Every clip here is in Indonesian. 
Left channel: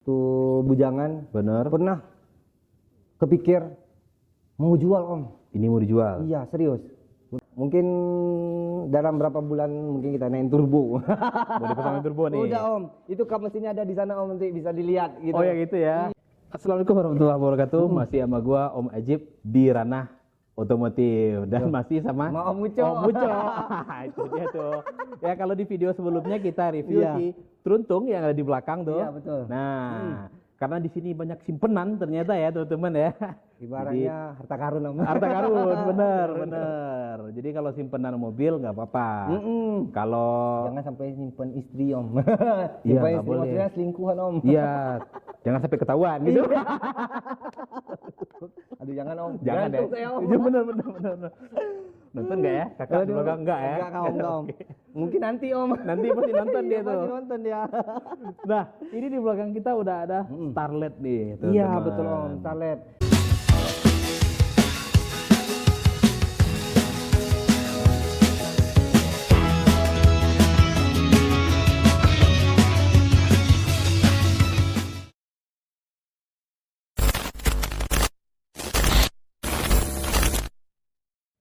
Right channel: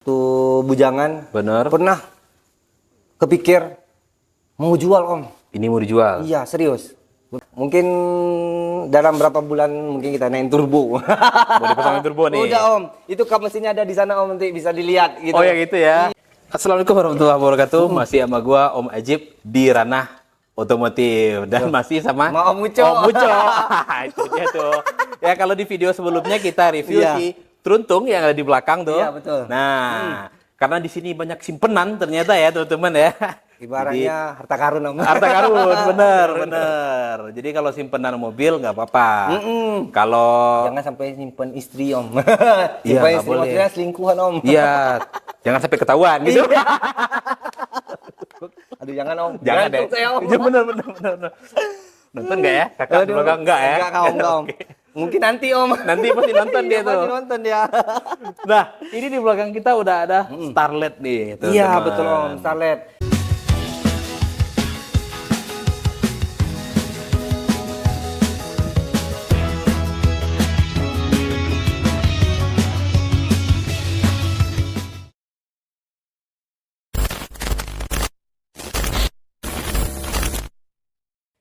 tuh bujangan. Bener. Pernah kepikir mau jual om. Ini mau dijual. Iya serius. Mungkin dalam berapa bulan mungkin kita naik turbo. Mau dipasangin turbo nih. Udah om, itu kap mesinnya ada di sana om, nanti bisa dilihat gitu. Oh ya gitu ya. Assalamualaikum warahmatullahi wabarakatuh. Masih sama gua Om Ajib di ranah otomotif dan masih sama Om Uco. Om Uco. Itu dia tuh. Ya kalau di video sebelumnya kita review Iya. si Truntung yang ada di belakang tuh. Iya, betul. Nah, karena di sini banyak simpenan ternyata ya teman-teman ya. Ibaratnya harta karun om. Harta karun, bener. Jadi kalau simpenan mobil nggak apa-apa. Kalau Jangan sampai simpen istri om. Iya, Simpen nggak istri boleh. maksudnya selingkuhan om. iya, jangan sampai ketahuan gitu. Aduh jangan om. Jangan deh. Gantung saya, om. Iya bener. Nonton nggak ya? Kakak di Aduh, belakang enggak ya? Enggak om. Oke. Mungkin nanti om. Nanti pasti nonton dia Iya, pasti tuh. nonton dia. Nah, ini di belakang kita udah ada Starlet nih. Iya teman-teman. betul om. Starlet.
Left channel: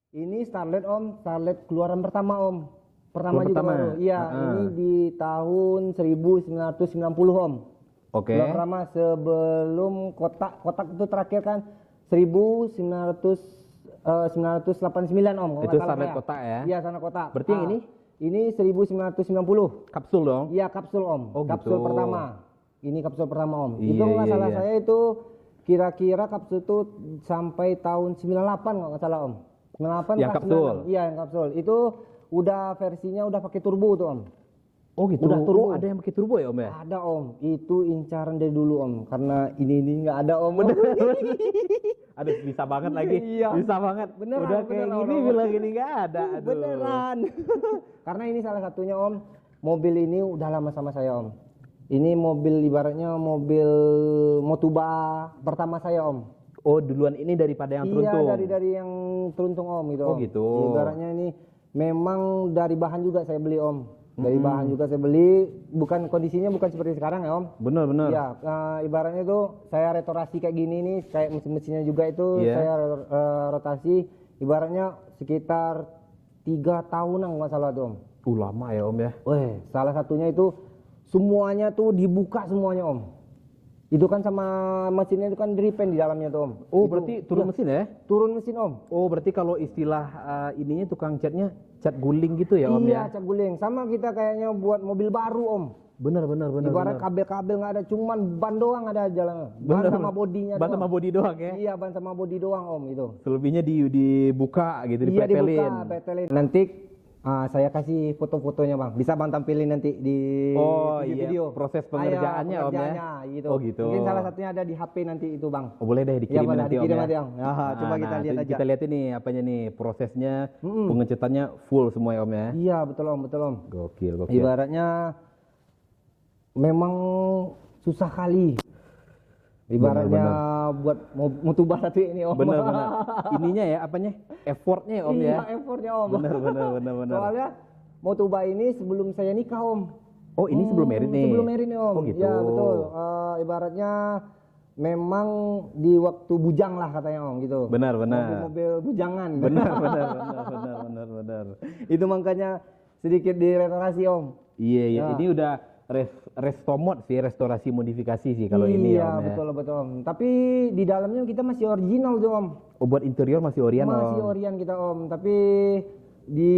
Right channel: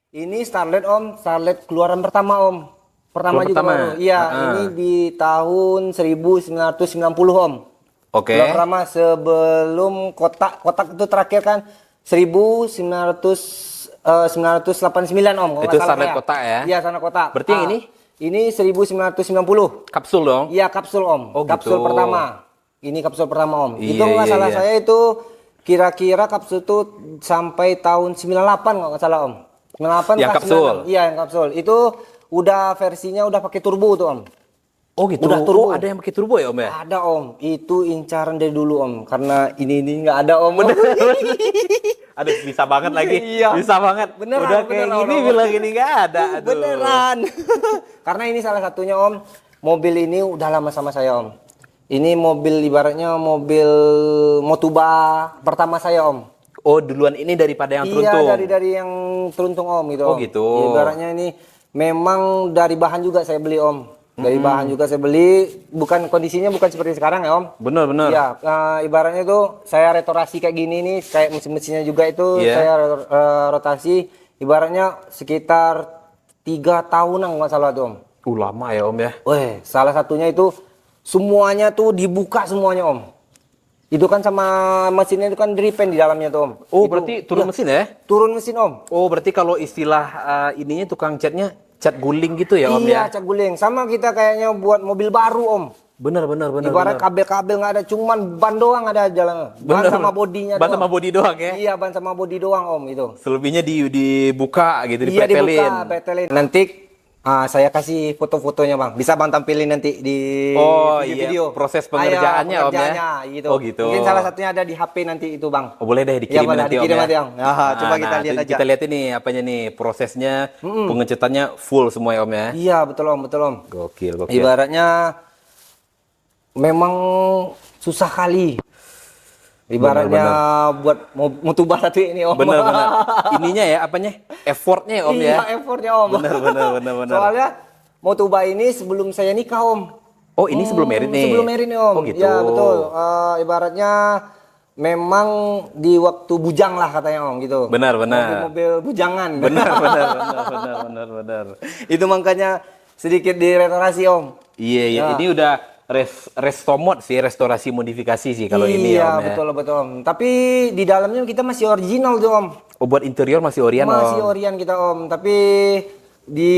Ini Starlet om, Starlet keluaran pertama om. Pertama Keluaran juga pertama? baru. Iya, ini di tahun 1990 om. Oke. Keluaran pertama sebelum kotak itu terakhir kan 1989 om. kalau Itu nggak salah Starlet saya. kotak ya? Iya, Starlet kotak. Berarti yang ini? Ini 1990. Kapsul dong? Iya, kapsul om. Oh, kapsul gitu. pertama. Ini kapsul pertama om. Iya, Itu nggak iya, salah iya. saya itu kira-kira kapsul itu sampai tahun 98 kalau nggak salah om. 98 Yang pas kapsul? 96. Iya, yang kapsul. Itu udah versinya udah pakai turbo tuh om. Oh gitu. Udah turbo. Oh, ada yang pakai turbo ya Om ya? Ada om. Itu incaran dari dulu om. Karena ini nggak ada om. Aduh, bisa banget lagi. Iya. Bisa banget. Beneran, Udah kayak beneran, gini Om. bilang ini nggak ada. Aduh. Beneran. Karena ini salah satunya om. Mobil ini udah lama sama saya om. Ini mobil ibaratnya mobil Motuba pertama saya om. Oh, duluan ini daripada yang Truntung? Iya, dari yang Truntung om gitu. Oh, Om. gitu. Ibaratnya ini memang dari bahan juga saya beli om. Dari bahan juga saya beli, bukan kondisinya bukan seperti sekarang ya om. Bener. Iya, ibaratnya itu saya restorasi kayak gini nih, kayak mesin-mesinnya juga itu Iya. saya rotasi. Ibaratnya sekitar 3 tahunan nggak salah tuh om. Lama ya Om ya? Weh, salah satunya itu semuanya tuh dibuka semuanya om. Itu kan sama mesinnya itu kan driven di dalamnya tuh om. Oh, Itu- berarti turun iya, mesin ya? Turun mesin om. Oh, berarti kalau istilah ininya tukang catnya cat guling gitu ya Om Iya, ya? cat guling. Sama kita kayaknya buat mobil baru om. Bener. Ibarat kabel-kabel nggak ada, cuman ban doang ada jalan. Ban sama bodinya Ban doang. sama body doang ya? Iya, ban sama bodi doang om itu. Selebihnya dibuka gitu, Iya dipretelin. dibuka, betelin. Nanti saya kasih foto-fotonya bang. Bisa bang tampilin nanti di Oh, video-video. iya. Proses pengerjaannya, Om, ya? pengerjaannya, gitu. Oh, gitu. Mungkin salah satunya ada di HP nanti itu bang. Oh, boleh deh Iya, dikirim boleh, nanti Om dikirim ya? nanti, Om. Coba kita lihat aja. Kita lihat ini apanya nih, prosesnya, pengecatannya full semua ya Om ya? Iya betul om, betul om. Gokil. Ibaratnya memang susah kali. Ibaratnya buat Motuba satu ini om. Bener. Ininya ya, apanya? Effortnya ya Om ya? Iya, effortnya om. Bener. Soalnya Motuba ini sebelum saya nikah om. Oh, ini sebelum merit nih? Sebelum merit nih om. Oh, gitu. Ya betul. Ibaratnya memang di waktu bujang lah katanya om gitu. Benar. Mobil bujangan. Benar. Itu makanya sedikit direstorasi om. Iya. Ini udah restomod sih, restorasi modifikasi sih kalau ini ya Om ya? Iya betul om. Tapi di dalamnya kita masih original tuh om. Oh, buat interior masih Orion Masih Om? Orion kita om. Tapi di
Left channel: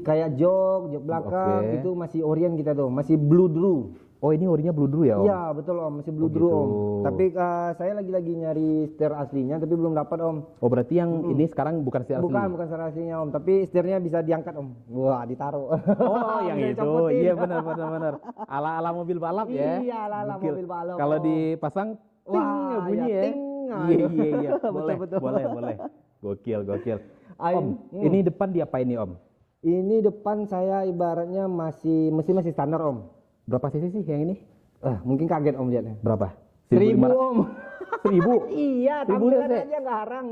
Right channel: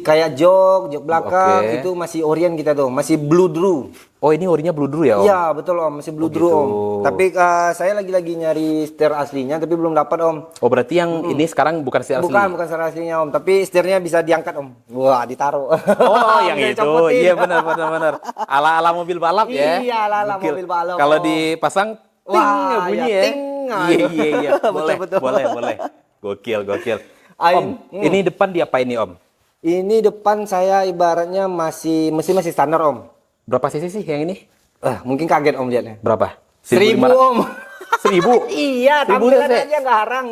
kayak jok belakang Oke. itu masih Orion kita tuh. Masih Blue Drew. Oh, ini orinya Blue Drew ya Om? Iya betul om, masih Blue Drew gitu. om. Tapi saya lagi nyari setir aslinya, tapi belum dapat om. Oh, berarti yang ini sekarang bukan si asli? Bukan setir aslinya om, tapi setirnya bisa diangkat om. Wah ditaruh. Oh, yang Bisa itu. dicopotin. Iya benar. Ala-ala mobil balap ya? Iya, ala-ala Gokil. mobil balap, Kalau Om. dipasang, ting Wah, bunyi ya, ya? ting. Iya. Betul. Boleh. Gokil. Ain. Om, ini depan diapain nih Om? Ini depan saya ibaratnya masih standar om. Berapa cc sih yang ini? Mungkin kaget om lihatnya. Berapa? 1000 om. 1000? Iya, 1000 tampilan cc? aja nggak harang.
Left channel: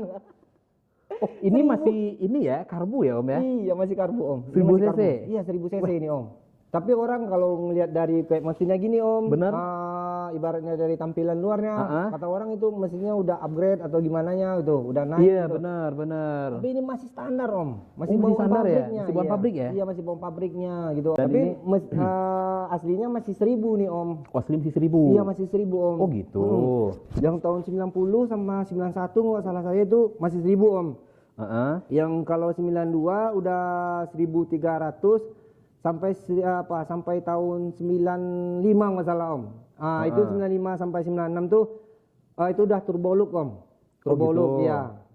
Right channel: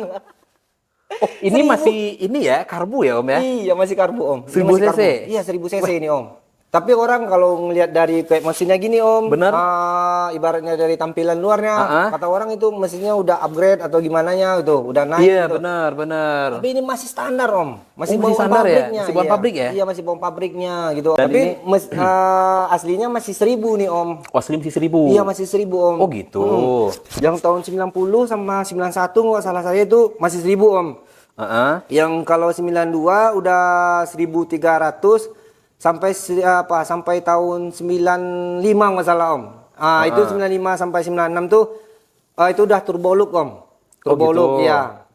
Oh, ini masih ini ya, karbu ya Om ya? Iya, masih karbu om. Ini 1000 masih cc? karbu. Iya, 1000 cc ini om. Tapi orang kalau ngelihat dari kayak mesinnya gini Om, Bener. Ibaratnya dari tampilan luarnya, Ah. kata orang itu mesinnya udah upgrade atau gimana nya gitu, udah naik Iya, gitu. benar. Tapi ini masih standar Om, masih Oh, masih bawaan standar ya? pabriknya. Masih bawaan iya. pabrik ya? Iya masih bawaan pabriknya gitu. Dan Tapi ini- aslinya masih 1.000 nih Om. Oh, Slim sih 1.000. Iya masih 1.000 Om. Oh gitu. Yang tahun 90 sama 91 nggak salah saya itu masih 1.000 Om. Heeh. Yang kalau 92 udah 1.300 sampai tahun 95 nggak salah Om. Itu 95 sampai 96 tuh itu udah turbo look Om. Turbo gitu. look ya.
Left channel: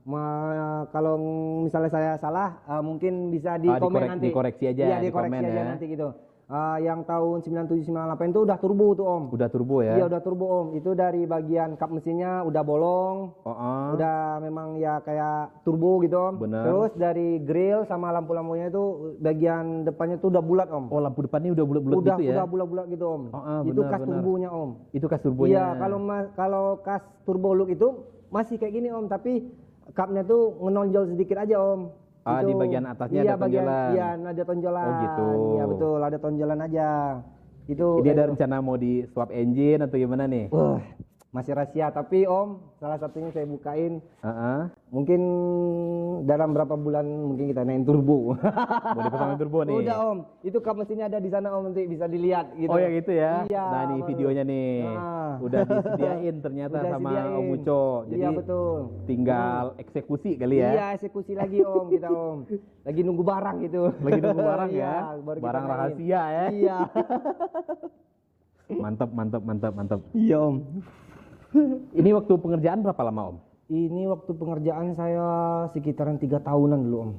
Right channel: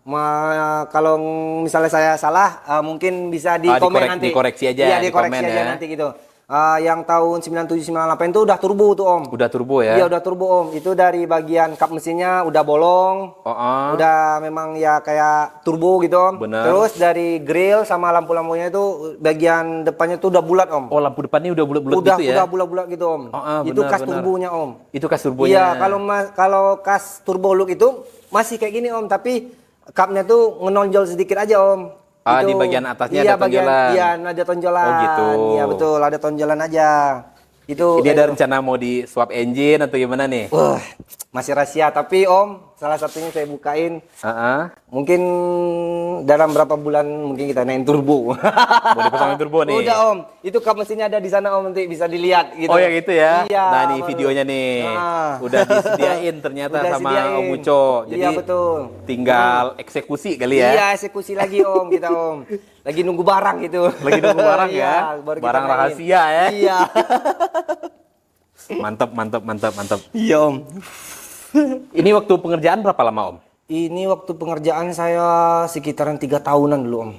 Kalau misalnya saya salah mungkin bisa di komen nanti. dikoreksi aja, Iya, di dikoreksi komen aja ya. nanti gitu. Yang tahun 97 98 itu udah turbo tuh Om. Udah turbo ya? Iya udah turbo Om. Itu dari bagian kap mesinnya udah bolong. Udah memang ya kayak turbo gitu Om. Bener. Terus dari grill sama lampu-lampunya itu bagian depannya tuh udah bulat Om. Oh, lampu depannya udah bulat-bulat Udah gitu ya? udah bulat-bulat gitu Om. Bener, Itu kas bener. turbonya Om. Itu kas turbonya. Iya, kalau kas turbo look itu masih kayak gini Om, tapi kapnya tuh menonjol sedikit aja Om. Di bagian atasnya iya, ada tonjolan. Iya, ada tonjolan. Oh, gitu. Iya betul, ada tonjolan aja. Itu Ini ada rencana mau di swap engine atau gimana nih? wah, masih rahasia, tapi Om, salah satunya saya bukain. Heeh. Mungkin dalam berapa bulan mungkin kita naik turbo. Mau dipasangin turbo nih. Udah Om, itu kap mesinnya ada di sana Om, nanti bisa dilihat gitu. Oh ya gitu ya? Iya. Nah nih videonya nih. Udah disediain ternyata Udah sama sediain. Om Uco. Jadi Iya betul. tinggal eksekusi kali ya? Iya eksekusi lagi Om kita Om. Lagi nunggu barang gitu. Lagi nunggu barang ya? Iya, baru kita Barang main. rahasia ya? Iya. Mantap. Iya Om. Ini waktu pengerjaan berapa lama Om? Ini waktu pengerjaan saya sekitaran 3 tahunan dulu Om.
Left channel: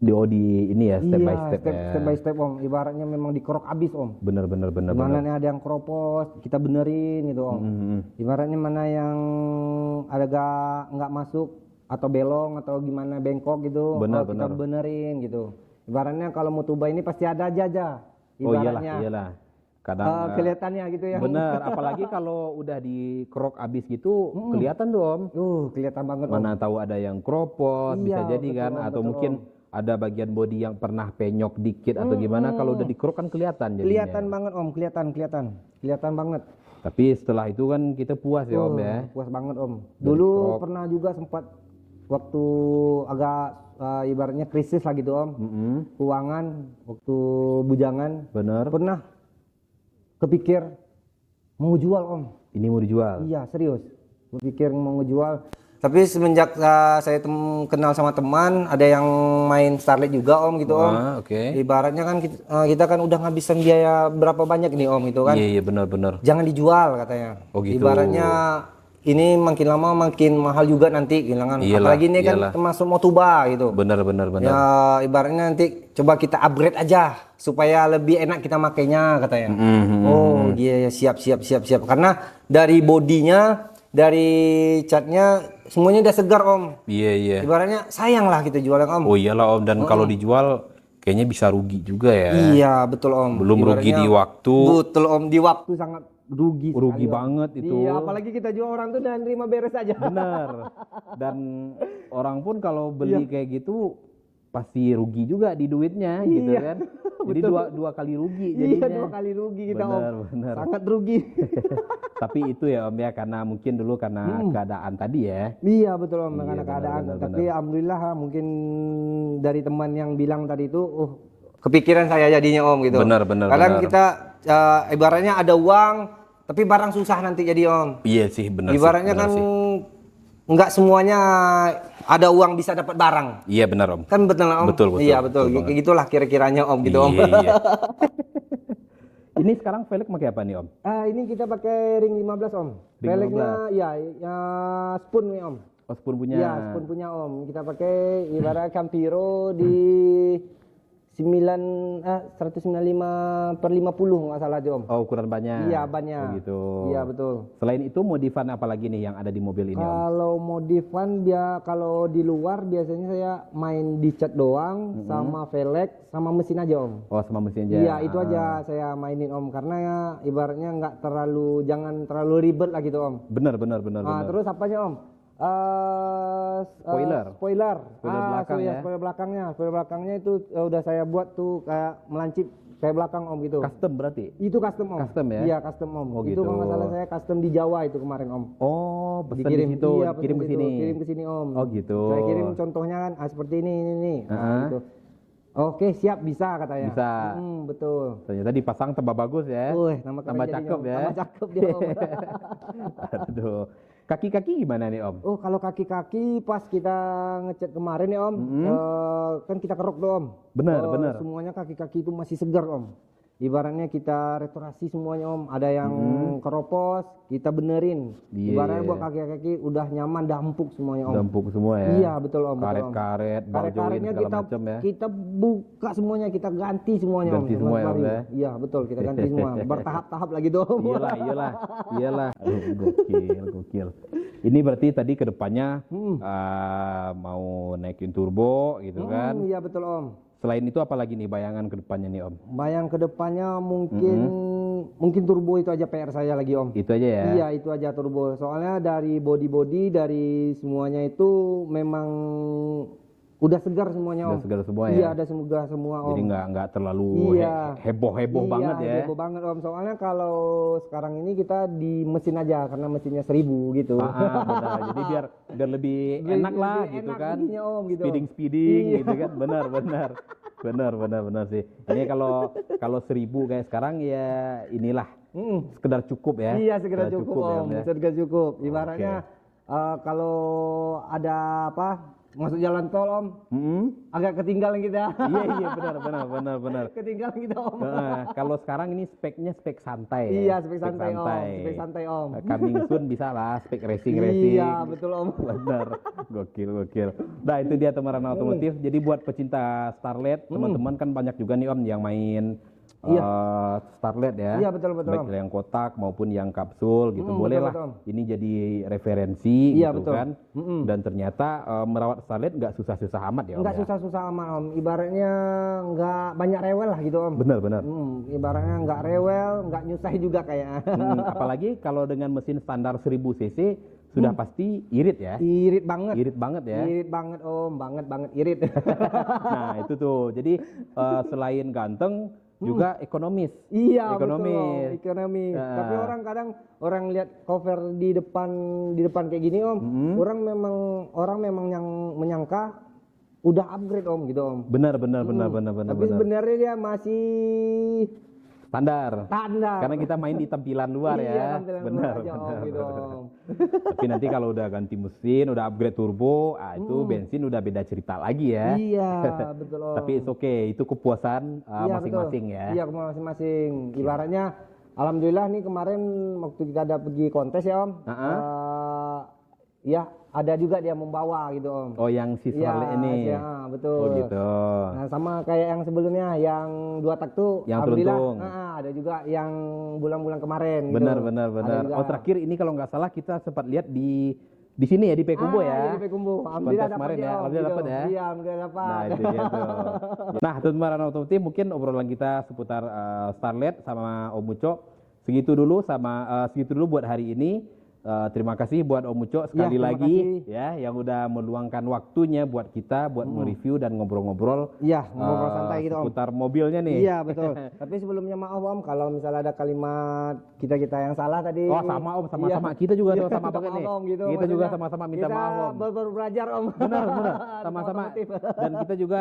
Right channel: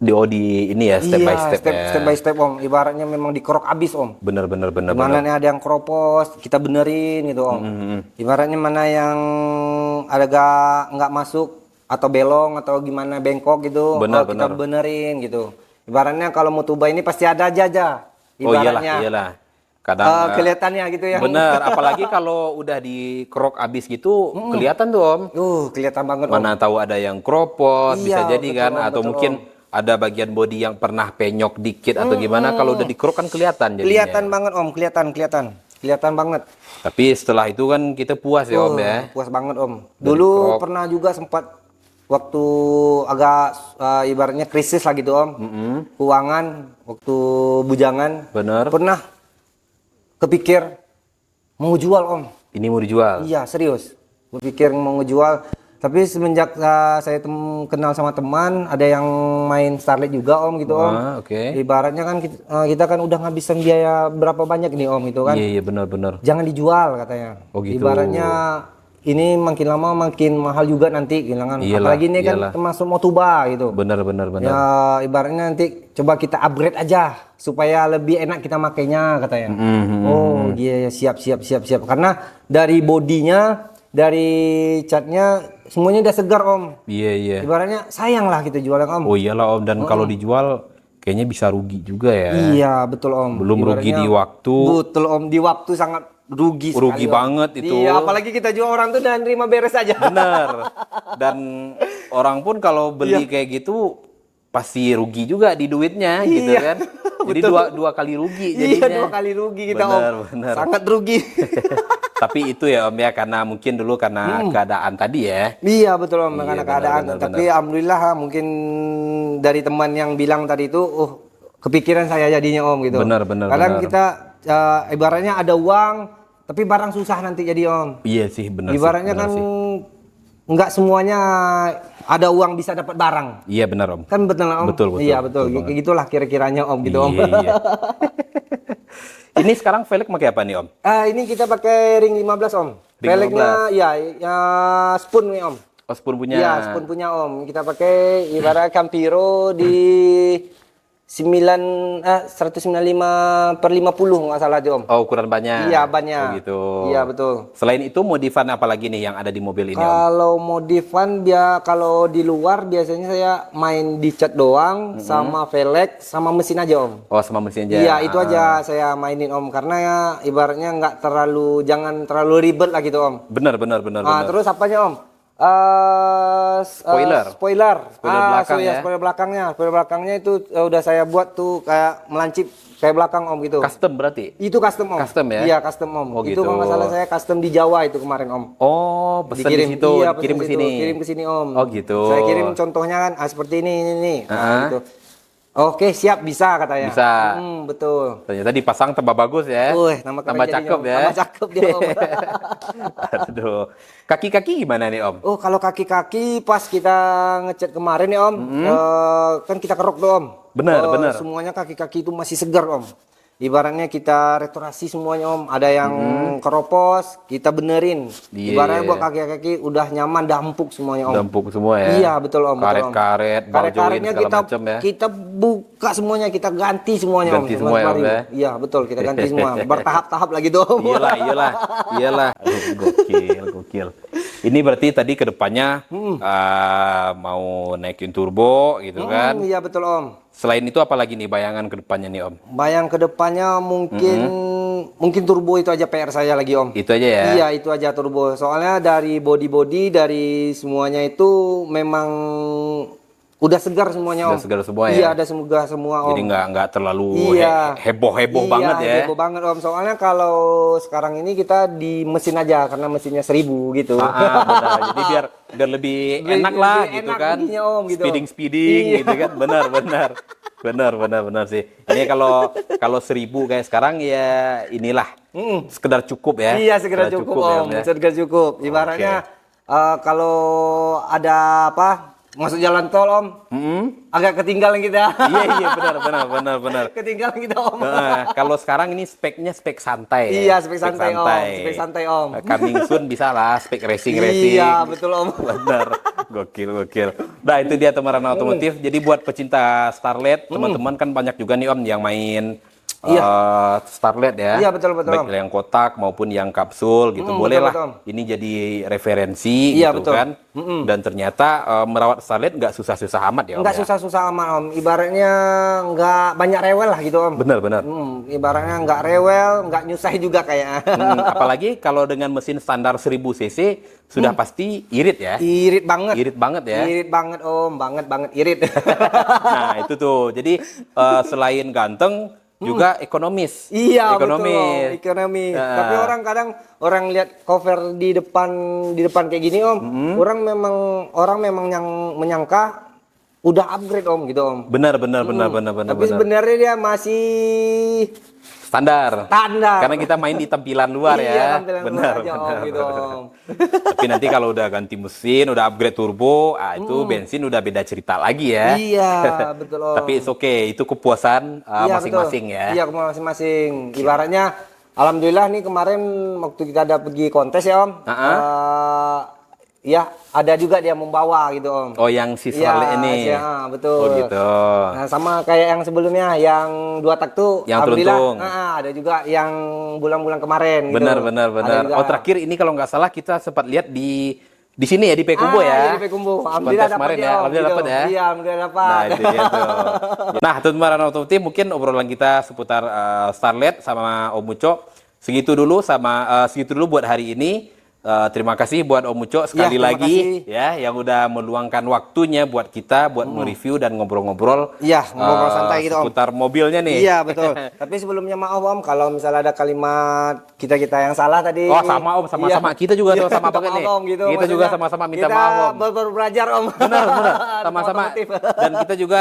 Di ini ya step by step ya. step by step Om. Ibaratnya memang dikerok abis Om. Bener. Mana nih ada yang keropos, kita benerin gitu Om. Ibaratnya mana yang ada nggak masuk atau belong atau gimana bengkok gitu, kita benerin gitu. Ibaratnya kalau Motuba ini pasti ada aja. Oh Ibaratnya iyalah. Kadang kelihatannya gitu ya. bener, apalagi kalau udah dikerok abis gitu kelihatan tuh Om. Kelihatan banget Om. Mana tahu ada yang kropos, bisa Iya, jadi betul, kan, Om, atau betul, mungkin ada bagian body yang pernah penyok dikit atau gimana, kalau udah dikerok kan kelihatan jadinya. Kelihatan banget Om, kelihatan banget. Tapi setelah itu kan kita puas ya Om ya. Puas banget Om. Dulu pernah juga sempat waktu agak ibaratnya krisis lah gitu Om. Keuangan, waktu bujangan. Bener. Pernah kepikir mau jual Om. Ini mau dijual. Iya serius. Berpikir mau ngejual. Tapi semenjak saya kenal sama teman, ada yang main Starlet juga Om gitu Om. Oke. Ibaratnya kan kita kan udah ngabisin biaya berapa banyak nih Om itu kan. Iya benar. Jangan dijual katanya. Oh, gitu. Ibaratnya ini makin lama makin mahal juga nanti gilangan. Iyalah, Apalagi ini kan termasuk Motuba gitu. Benar. Ya ibaratnya nanti coba kita upgrade aja supaya lebih enak kita makainya katanya. Oh iya siap. Karena dari bodinya, dari catnya semuanya udah segar Om. Iya. Ibaratnya sayang lah kita jualnya Om. Oh iyalah Om, dan kalau dijual kayaknya bisa rugi juga ya. Iya betul Om. Belum rugi di waktu. Betul Om, di waktu sangat rugi Rugi sekali, Om. banget itu. Iya, apalagi kita jual orang tuh dan terima beres aja. Bener. Dan orang pun kalau beli kayak gitu pasti rugi juga di duitnya gitu kan. Jadi dua kali rugi jadinya. Iya, 2 kali rugi kita Om. Bener. Sangat rugi. Tapi itu ya Om ya, karena mungkin dulu karena keadaan tadi ya. Iya betul Om, karena benar, keadaan. benar, Tapi alhamdulillah mungkin dari teman yang bilang tadi itu, kepikiran saya jadinya Om gitu. Benar. Kadang kita ibaratnya ada uang, tapi barang susah nanti jadi Om. Iya sih benar. Ibaratnya kan nggak semuanya ada uang bisa dapat barang. Iya benar Om. Kan betul Om? Betul. Iya betul. Kayak gitulah kira-kiranya Om gitu Om. Iya. Ini sekarang velg pakai apa nih Om? Ini kita pakai ring 15 Om. Ring Velgnya ya spoon nih Om. Oh, spoon punya. Iya, spoon punya Om. Kita pakai ibarat Campiro di 195/50 nggak salah tuh Om. Oh, ukuran bannya. Iya, bannya. Oh, gitu. Iya, betul. Selain itu modifan apa lagi nih yang ada di mobil ini Om? Kalau modifan kalau di luar biasanya saya main di cat doang sama velg sama mesin aja Om. Oh, sama mesin aja. Iya, itu aja saya mainin Om karena ya ibaratnya jangan terlalu ribet lah gitu Om. Benar. Terus apanya Om? Spoiler. Spoiler Belakang ya. spoiler belakangnya itu udah saya buat tuh kayak melancip kayak belakang Om gitu. Custom berarti? Itu custom Om. Custom ya? Iya custom Om. Oh, itu gitu. kalau nggak salah saya custom di Jawa itu kemarin Om. Oh, pesan di situ, iya, kirim ke pesan sini. situ, kirim ke sini Om. Oh, gitu. Saya kirim contohnya kan seperti ini. Nah, gitu. Oke, siap bisa katanya. Bisa. Betul. Ternyata dipasang tambah bagus ya. Tambah cakep ya. Tambah cakep dia Om. Aduh. Kaki-kaki gimana nih Om? Oh, kalau kaki-kaki pas kita ngecat kemarin ya Om, kan kita kerok tuh Om. Benar. Semuanya kaki-kaki itu masih segar Om. Ibaratnya kita restorasi semuanya Om. Ada yang keropos, kita benerin. Iya. Ibaratnya buat kaki-kaki udah nyaman, dampuk semuanya Om. Dampuk semua ya? Iya betul Om. Karet-karet, bau join segala macam ya? Kita buka semuanya, kita ganti semuanya Ganti Om. semua ya Om ya? Iya betul, kita ganti semua. Bertahap-tahap lagi tuh Om. Iyalah. Aduh, gokil. Ini berarti tadi kedepannya mau naikin turbo gitu kan? Iya betul Om. Selain itu apa lagi nih bayangan kedepannya nih Om? Bayang kedepannya mungkin turbo itu aja PR saya lagi Om. Itu aja ya? Iya itu aja turbo. Soalnya dari body dari semuanya itu memang udah segar semuanya Om. Udah segar semua ya? Iya ada semoga semua Om. Jadi nggak terlalu heboh-heboh banget ya? Iya heboh banget Om. Soalnya kalau sekarang ini kita di mesin aja karena mesinnya 1000 gitu. Benar. Jadi biar lebih enak lah lebih gitu enak kan? bunyinya, Om, gitu. Speeding Iya. gitu kan? Benar sih. Ini kalau 1000 kayak sekarang ya inilah sekedar cukup ya? Iya sekedar cukup Om. ya? Sekedar cukup. Ibaratnya kalau ada apa? Masuk jalan tol Om, agak ketinggalan kita. Iya benar. Ketinggalan kita Om. Kalau sekarang ini speknya spek santai. Iya spek santai Om. Spek santai Om. Coming soon bisa lah spek racing. Iya betul Om. Benar, gokil. Nah itu dia teman otomotif. Jadi buat pecinta Starlet, teman-teman kan banyak juga nih Om yang main Starlet ya. Iya betul Baik yang kotak maupun yang kapsul gitu. Boleh lah. Betul. Ini jadi referensi Iya, gitu betul. kan. Dan ternyata merawat Starlet nggak susah-susah amat ya Om. Nggak susah-susah amat Om. Ibaratnya nggak banyak rewel lah gitu Om. Benar. Ibaratnya nggak rewel, nggak nyusahin juga kayaknya. Apalagi kalau dengan mesin standar 1000 cc sudah pasti irit ya. Irit banget. Irit banget ya. Irit banget Om, banget irit. Nah itu tuh. Jadi selain ganteng juga ekonomis. Iya ekonomis. betul. Ekonomi. Tapi orang lihat cover di depan kayak gini Om. Orang memang yang menyangka udah upgrade Om gitu Om. Benar. Tapi sebenarnya dia masih standar. Standar. Karena kita main di tampilan luar Iya, ya. tampilan Benar. luar aja, Om, gitu, Om. Tapi nanti kalau udah ganti mesin, udah upgrade turbo, itu bensin udah beda cerita lagi ya. Iya, betul Om. Tapi it's okay, itu kepuasan Iya, masing-masing betul. ya. Iya, masing-masing. Ibaratnya alhamdulillah nih kemarin waktu kita ada pergi kontes ya Om. Ya, ada juga dia membawa gitu Om. Oh, yang si Starlet ini. Iya, betul. Oh gitu. Nah, sama kayak yang sebelumnya yang 2 tak tuh Yang alhamdulillah, teruntung. ada juga yang bulan-bulan kemarin gitu. Benar. Ada juga. Oh, terakhir ini kalau nggak salah kita sempat lihat di sini ya di Pekumbo ya. Iya, di Pekumbo. Alhamdulillah Kontes kemarin dapat ya. Om, Alhamdulillah gitu. dapat ya. Iya, alhamdulillah dapat. Nah, itu dia tuh. Nah, teman-teman otomotif mungkin obrolan kita seputar Starlet sama Om Uco segitu dulu buat hari ini. Terima kasih buat Om Uco sekali lagi ya yang udah meluangkan waktunya buat kita buat mereview dan ngobrol-ngobrol. Iya, ngobrol santai gitu Om. Seputar mobilnya nih. Iya, betul. Tapi sebelumnya maaf Om kalau misalnya ada kalimat kita yang salah tadi. Oh, sama Om, sama-sama. Kita juga tuh sama banget nih. Om, gitu. Kita juga sama-sama minta maaf Om. Kita baru belajar Om. Benar. Sama-sama. Dan kita juga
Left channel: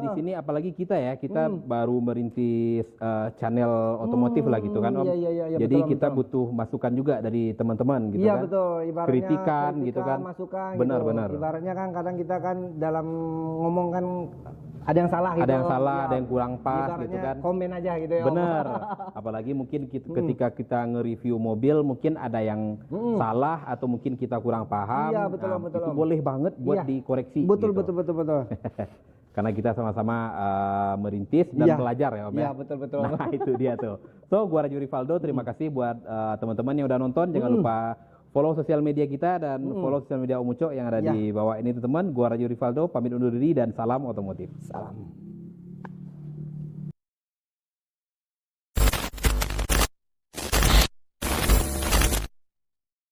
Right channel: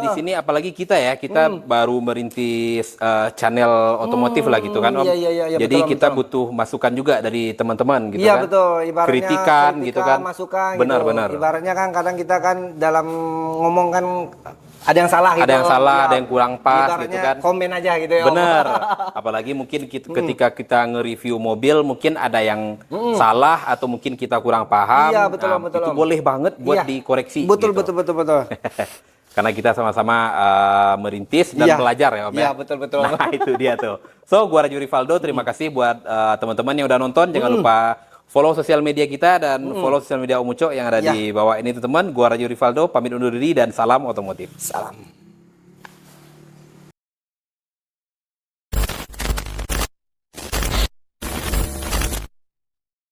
di sini apalagi kita baru merintis channel otomotif lah gitu kan Om. Iya, Jadi betul, kita butuh masukan juga dari teman-teman gitu iya, kan. betul. Ibaratnya kritikan gitu kan. masukan Benar. Ibaratnya kan kadang kita kan dalam ngomong kan ada yang salah gitu. Ada yang salah, Ya, ada yang kurang pas ibaratnya gitu kan. komen aja gitu ya Om. Bener. Apalagi mungkin ketika kita nge-review mobil mungkin ada yang salah atau mungkin kita kurang paham. Iya, betul, Nah, betul, itu Om. boleh banget buat Iya. dikoreksi. Betul. gitu. Karena kita sama-sama merintis dan Iya. belajar ya Om ya. Iya, betul. Nah itu dia tuh. So gua Raju Rivaldo, terima kasih buat teman-teman yang udah nonton. Jangan lupa follow sosial media kita dan follow sosial media Om Uco yang ada di bawah ini teman-teman. Gua Raju Rivaldo pamit undur diri dan salam otomotif. Salam.